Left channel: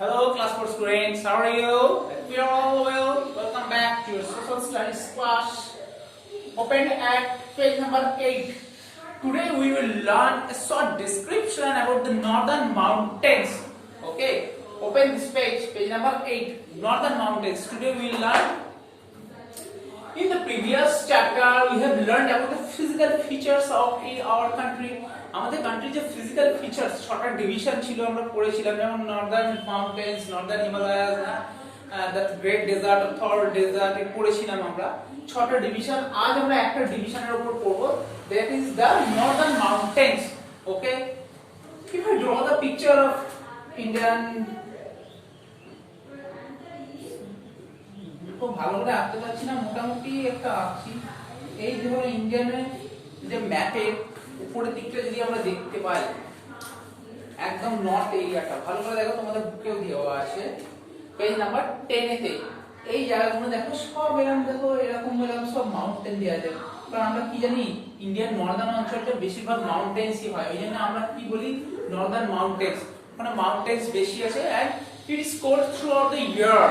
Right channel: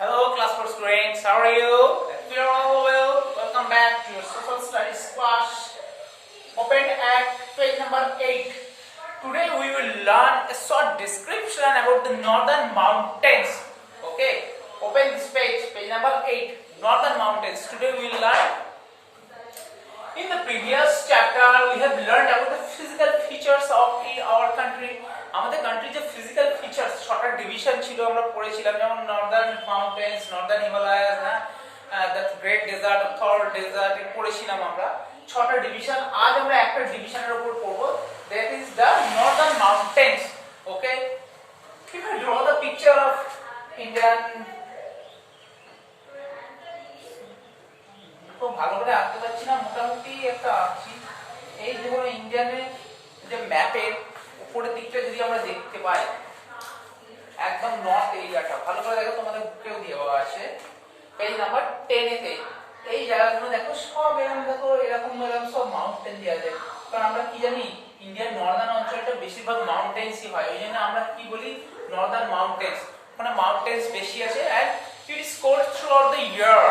Hello class 4 students, how are you? We are all well. Welcome back to your social studies class. Open at page number 8. Today we will learn a short description about the northern mountains. Okay, open this page number 8, northern mountains. Today we will learn. In the previous chapter we have learned about the physical features of our country. আমাদের কান্ট্রির যে physical features ছটা ডিভিশন ছিল আমরা পড়েছিলাম, যেমন northern mountains, northern Himalayas, the great desert, Thar desert পড়েছিলাম আমরা ছটা ডিভিশন। আজ আমরা একটা ডিভিশনের উপর পড়ব, that is the Northern mountains. Okay, if I draw the picture of Indian, তো ভালো করে আঁকতে পারছি না, মোটামুটি একটা আঁকছি। এই যে হলো ইন্ডিয়ানের যে ম্যাপের উপরের দিকটা যদি আমরা দেখতে পাই, একদম নর্থ এরিয়াটা ভালো করে দেখো, তোমাদের বুকেও দেওয়া আছে পেজ নাম্বার 10 এতে। এই জায়গাগুলো দেখো সব এরকম, দেখো এরকম সব মাউন্টেন দেওয়া যায়। কারণ আমরা কি জানি, ইন্ডিয়ার নর্দার্ন অঞ্চলটা বেশিরভাগ মাউন্টেন্সই হয়, ওই জন্য আমরা কি বলি নর্দার্ন মাউন্টেন্স। ওখানে মাউন্টেন্স বেশি আছে, and it is cold throughout the year.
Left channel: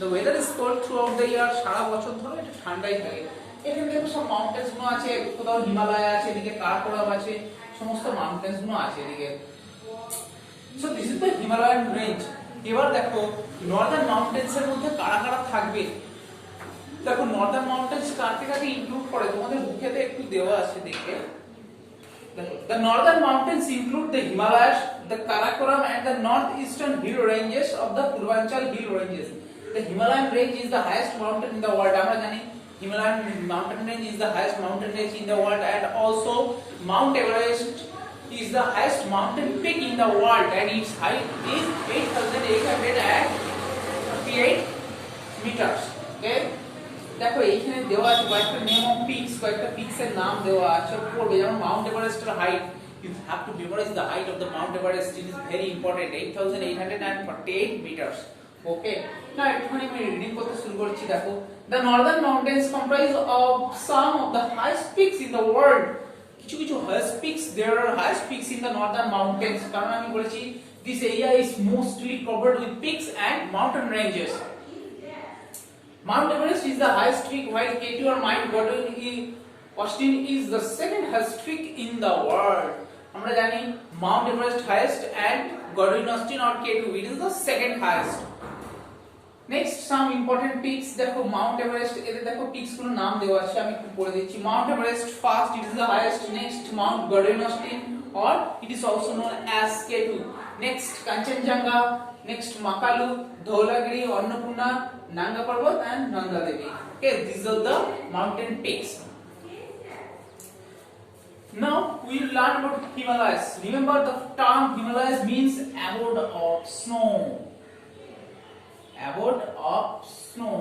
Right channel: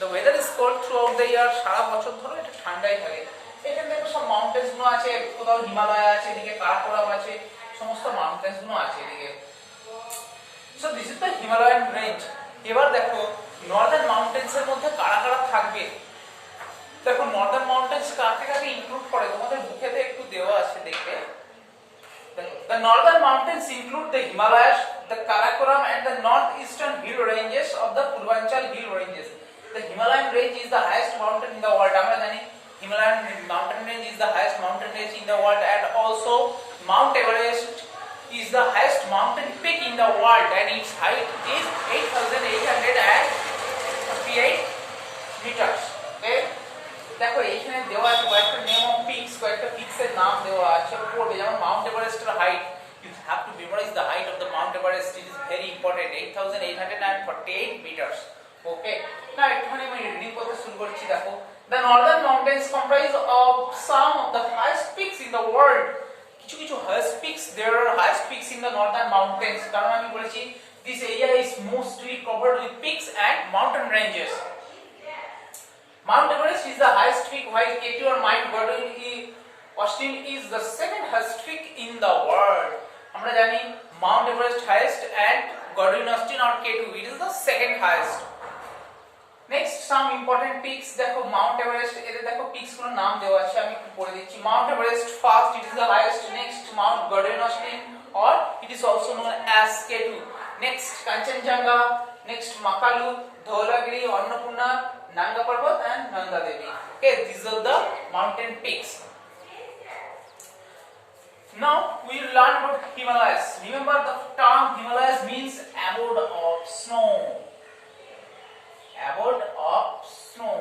The weather is cold throughout the year, সারা বছর ধরে এটা ঠান্ডাই থাকে। এখানে দেখো সব মাউন্টেন্স গুলো আছে, কোথাও হিমালয় আছে, এদিকে কারাকোরাম আছে, সমস্ত মাউন্টেন্স গুলো আছে এদিকে। So this is the Himalayan range. এবার দেখো নর্দার্ন মাউন্টেন্স এর মধ্যে কারা কারা থাকবে। দেখো নর্দার্ন মাউন্টেন্স কাকে কাকে ইনক্লুড করে, তোমাদের বুকেতে একটু দেওয়া আছে দেখবে। The northern mountains include the Himalayas, the Karakoram and the northeastern hill ranges of the Purvanchal hill ranges. The Himalayan range is the highest mountain in the world. আমরা জানি Himalayan mountain range is the highest mountain range in the world, and also Mount Everest is the highest mountain peak in the world, and its height is 8,858 meters. Okay, দেখো এইখানে দেওয়া আছে কয়েকটা name of peaks, কয়েকটা পিকস এর নাম দেওয়া আছে পড়বে। যেমন মাউন্ট এভারেস্টের height, you have to memorize the height of the Mount Everest. It is very important, 8,848 meters. Okay, now একটুখানি আমি রিডিং করতে শুরু করছি। দেখো, the northern mountains comprise of some of the highest peaks in the world. কিছু কিছু highest peaks, there are highest peaks in the northern mountains. কারণ আমি বলেছি this area is mostly covered with peaks and mountain ranges. Mount Everest is the highest peak, while K2 or Mount Austin is the second highest peak in the world. আমরা জানি Mount Everest highest and Godwin Austen or K2 it is the second highest. Next, some important peaks. দেখো Mount Everest, এতে দেখো peaks গুলোর নাম দেওয়া আছে, আমি একটু পড়ে দিচ্ছি। Mount Everest first, it is the highest. Next, Mount Godwin Austen, or it is also known as K2. Next, Kanchenjunga. Next, Makalu, Dholagiri, Annapurna, Nanga Parbat and Nanda Devi. Okay, these are the mountain peaks. Now we will learn about Himalayas. Remember, the term Himalayas means abode of snow. Abode of snow.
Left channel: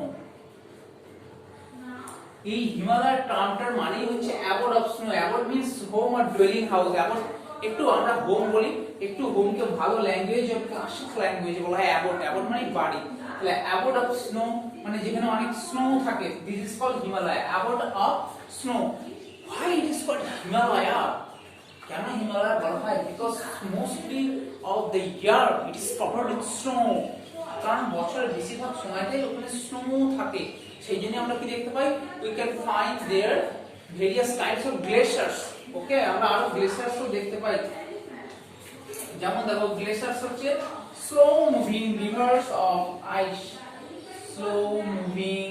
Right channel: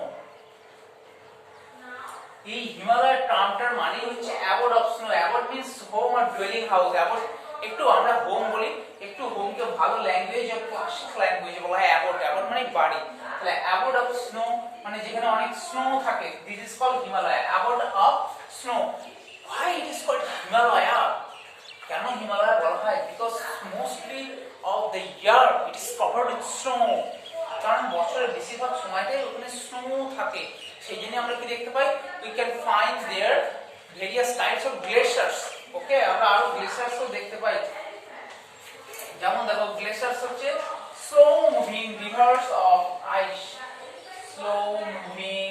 এই হিমালয় টার্মটার মানে হচ্ছে abode of snow. Abode means home or dwelling house. Abode একটু আমরা হোম বলি, একটু হোমকে ভালো ল্যাঙ্গুয়েজ অফ ক্লাসিক ল্যাঙ্গুয়েজে বলা হয় abode. abode মানে বাড়ি। তাহলে abode of snow মানে যেখানে অনেক স্নো থাকে, this is called Himalaya. Abode of snow. Why it is called Himalaya? কেন হিমালয় বলা হয়? Because mostly of the year it is covered with snow. কারণ বছরের বেশিরভাগ সময়টাই ওখানে স্নো থাকে, সেই জন্য আমরা কি দেখতে পাই, we can find there various types of glaciers. ওকে, আমরা আরো গ্লেশিয়ার্স ও দেখতে পাই। যেমন দেখো গ্লেশিয়ার্স হচ্ছে slow moving rivers of ice, slow moving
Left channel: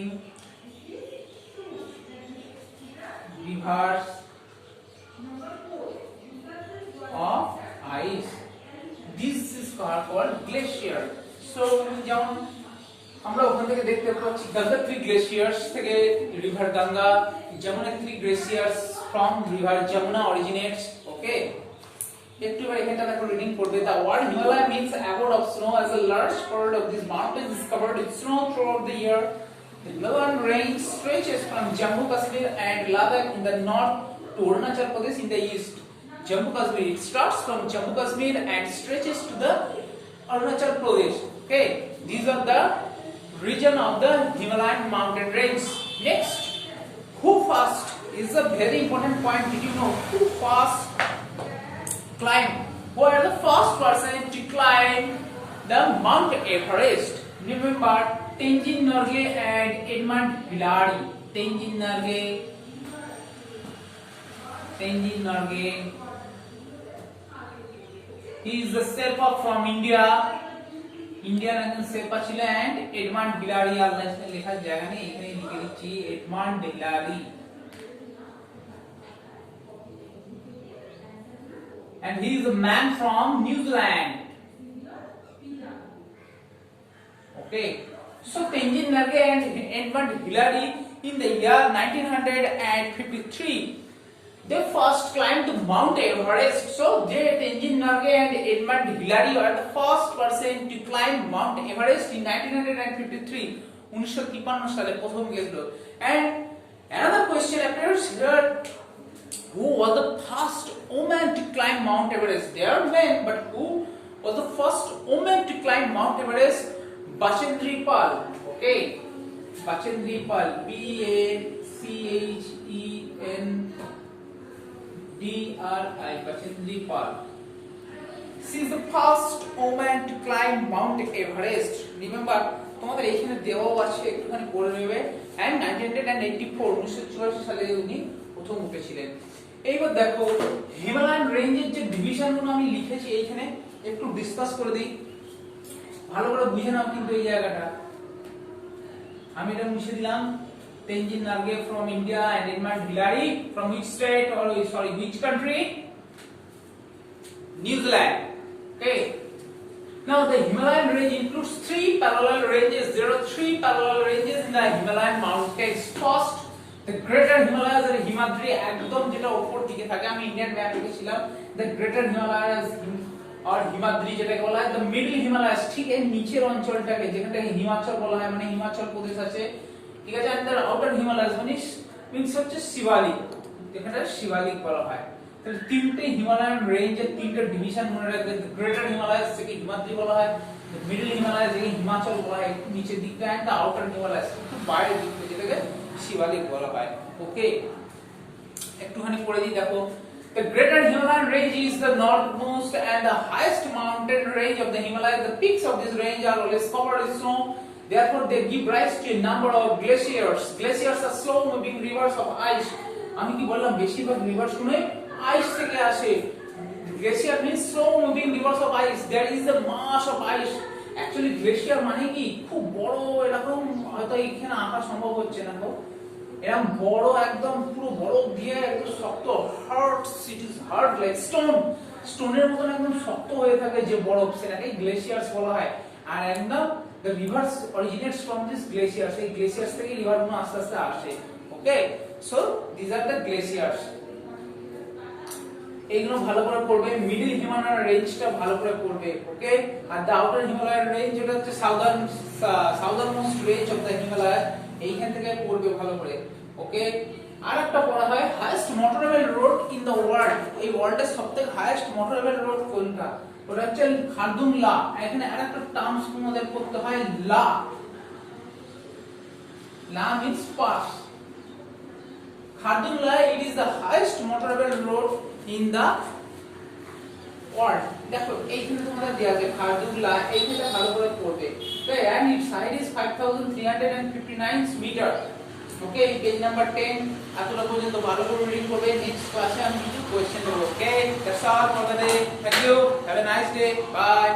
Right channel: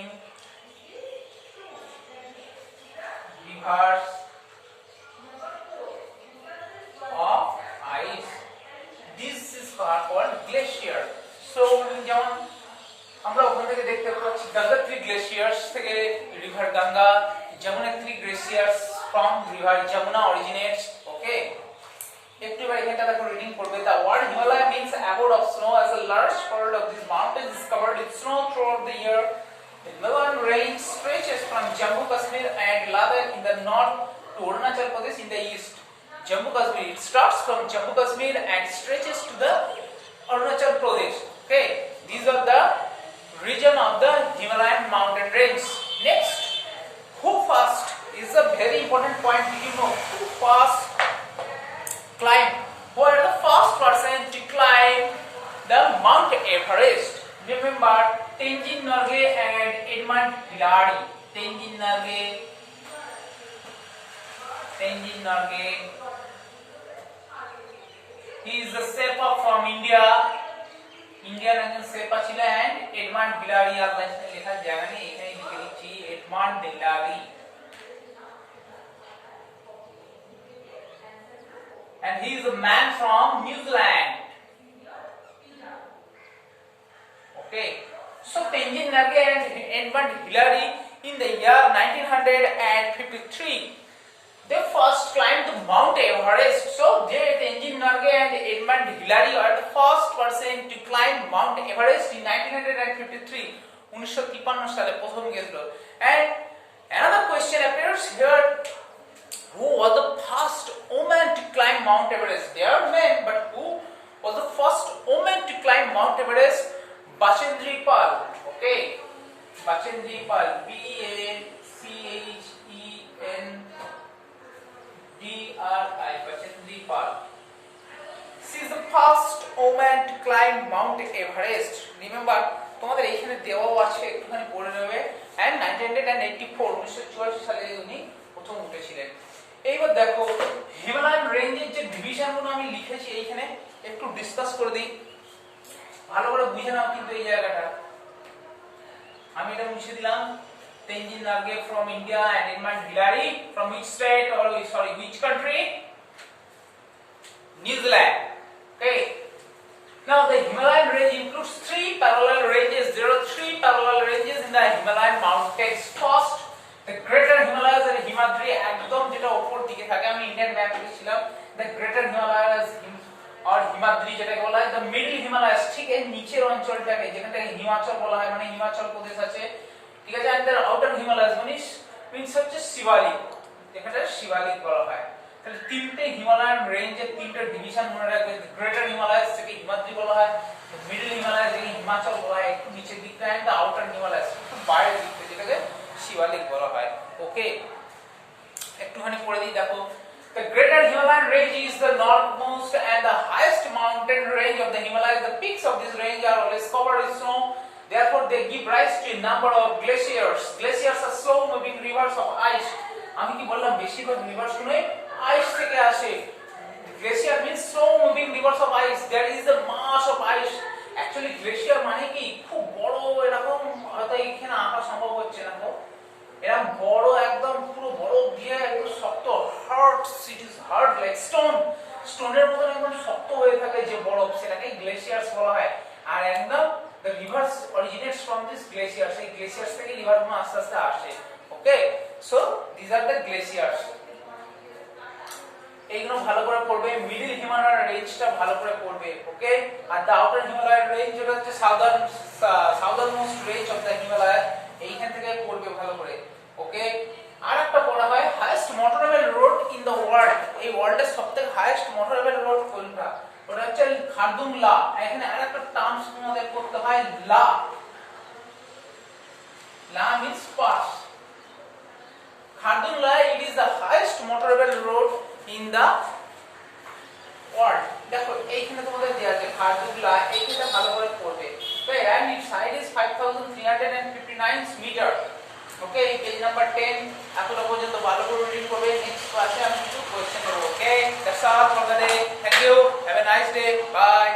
rivers of ice, this is called glacier. So যেমন আমরা ওখান থেকে দেখতে পাচ্ছি গঙ্গোত্রী গ্লেশিয়ার্স থেকে river Ganga, Yamunotri glaciers from river Jamuna originates. Okay, একটু এবার এখানটা দেখো রিডিং করবে। The word Himalaya means abode of snow, as a large part of these mountains is covered with snow throughout the year. The Himalayan range stretches from Jammu Kashmir and Ladakh in the north to Arunachal Pradesh in the east. Jammu Kashmir, it starts from Jammu Kashmir and stretches to the Arunachal Pradesh. Okay, these are the region of the Himalayan mountain range. Next, who first is a very important point. Did you know who first climbed? Who are the first person to climb the Mount Everest. Remember Tenzin Norgay and Edmund Hillary. Tenzin Norgay. He is the Sherpa from India. Indian একজন Sherpa ছিলেন and Edmund Hillary আল্লাহ লেখার জায়গা নেই এখানে লিখে দিচ্ছি Edmund Hillary. And he is a man from New Zealand. Okay, so Tenzin Norgay and Edmund Hillary in the year 1953 they first climbed the Mount Everest. So Tenzin Norgay and Edmund Hillary are the first person to climb Mount Everest in 1953. 1953 সালে প্রথম গেছিল। And another question appears here, who was the first woman to climb Mount Everest? There are men, but who was the first woman to climb Mount Everest? Bachendri Pal. Okay, Bachendri Pal, Bachendri, Bachendri Pal. She is the first woman to climb Mount Everest. Remember, তোমাদের এখানে দেওয়াও আছে একটুখানি পড়ে নেবে। And 1984 সালে উনি প্রথম উঠেছিলেন। এইবার দেখো হিমালয়ান রেঞ্জের যে ডিভিশনগুলো আমি লিখেছি এইখানে একটু ডিসকাস করে দিই, ভালো করে বুঝে নাও কিন্তু এই জায়গাটা। আমি এটা মুছে দিলাম। Tenzin Norgay from India and Edmund Hillary from which state or which country? New Zealand. Okay. Now the Himalayan range includes 3 parallel ranges. There are 3 parallel ranges in the Himalayan mountains. First, the Greater Himalayas and Himadri একদম যেটা উপর দিকে থাকে, আমি Indian map লিখেছিলাম the Greater Himalayas or Himadri যেটাকে বলা হয়, the Middle Himalayas ঠিক এর নিচের অঞ্চলটাকে যেখানটাকে হিমাচল বলা হয়, মানে হিমাচল প্রদেশ আছে, ঠিক আছে। and the Outer Himalayas means হচ্ছে শিবালিক, যেখানে শিবালিক বলা হয়। তাহলে তিনটে হিমালয়ান রেঞ্জের তিনটে ডিভিশন মনে রাখবেন। গ্রেটার হিমালয়াস থেকে হিমাদ্রি বলা হয়, মিডল হিমালয়াস থেকে হিমাচল বলা হয় একটু নিচের দিকটা, এন্ড দ্য আউটার হিমালয়াস একটু বাইরের দিকটা যেটাকে শিবালিক বলা হয়। ওকে, একটুখানি পড়ে দিই দেখো। The Greater Himalayan Range is the northmost and the highest mountain range of the Himalayas. The peaks of this range are always covered with snow. Therefore, they give rise to a number of glaciers. Glaciers are slow-moving rivers of ice. আমি কি বললাম বেশিরভাগ রিভার্স গুলো আইস থেকে আসে। Glacier means slow-moving rivers of ice. There is a mass of ice. Actually, glacier মানে কি খুব বড়, এরকম হয়তো এখানে আঁকা সম্ভব হচ্ছে না গো, এরকম বড় একদম পুরো বরফ দিয়ে একদম শক্ত, hard, it is hard like stone, স্টোনের মতন একদম শক্ত হয়ে থাকে যে বরফ, সেটাকে গ্লেসিয়ার্স বলা হয়। আর একদম the rivers originates from these glaciers. এই glaciers থেকে রিভার গুলো আস্তে আস্তে আসে। ওকে, so these are the glaciers. এইগুলো ভালো করে পড়বে। মিডল হিমালয়ান রেঞ্জটা ভালো করে পড়বে। ওকে, আর দ্য আউটার হিমালয়ান রেঞ্জ যেটা হচ্ছে southernmost range of the Himalaya, এইখান থেকে পড়বে ভালো করে। ওকে, আর একটা পড়া হয় highest motorable road in the world. এই ওয়ার্ল্ডের সবথেকে হাইয়েস্ট মোটরেবল রোড কোনটা? ওটা হচ্ছে খারদুং লা। এখানে আরেকটা টার্মস তোমাদের পড়তে হয় লা। লা means pass. Khardung La, it is the highest motorable road in the world. দেখো এইখানে তোমাদের দেয়া আছে খারদুং লা, এইখানে ভালো করে পড়বে। Okay, and its height is 5359 metre. Okay, page number 10 এতটা পর্যন্ত ভালো করে রিডিং করবে। নেক্সট ক্লাসে আমি কিছু কোশ্চেন দেব। Okay, that's all for the day. Thank you, have a nice day, by.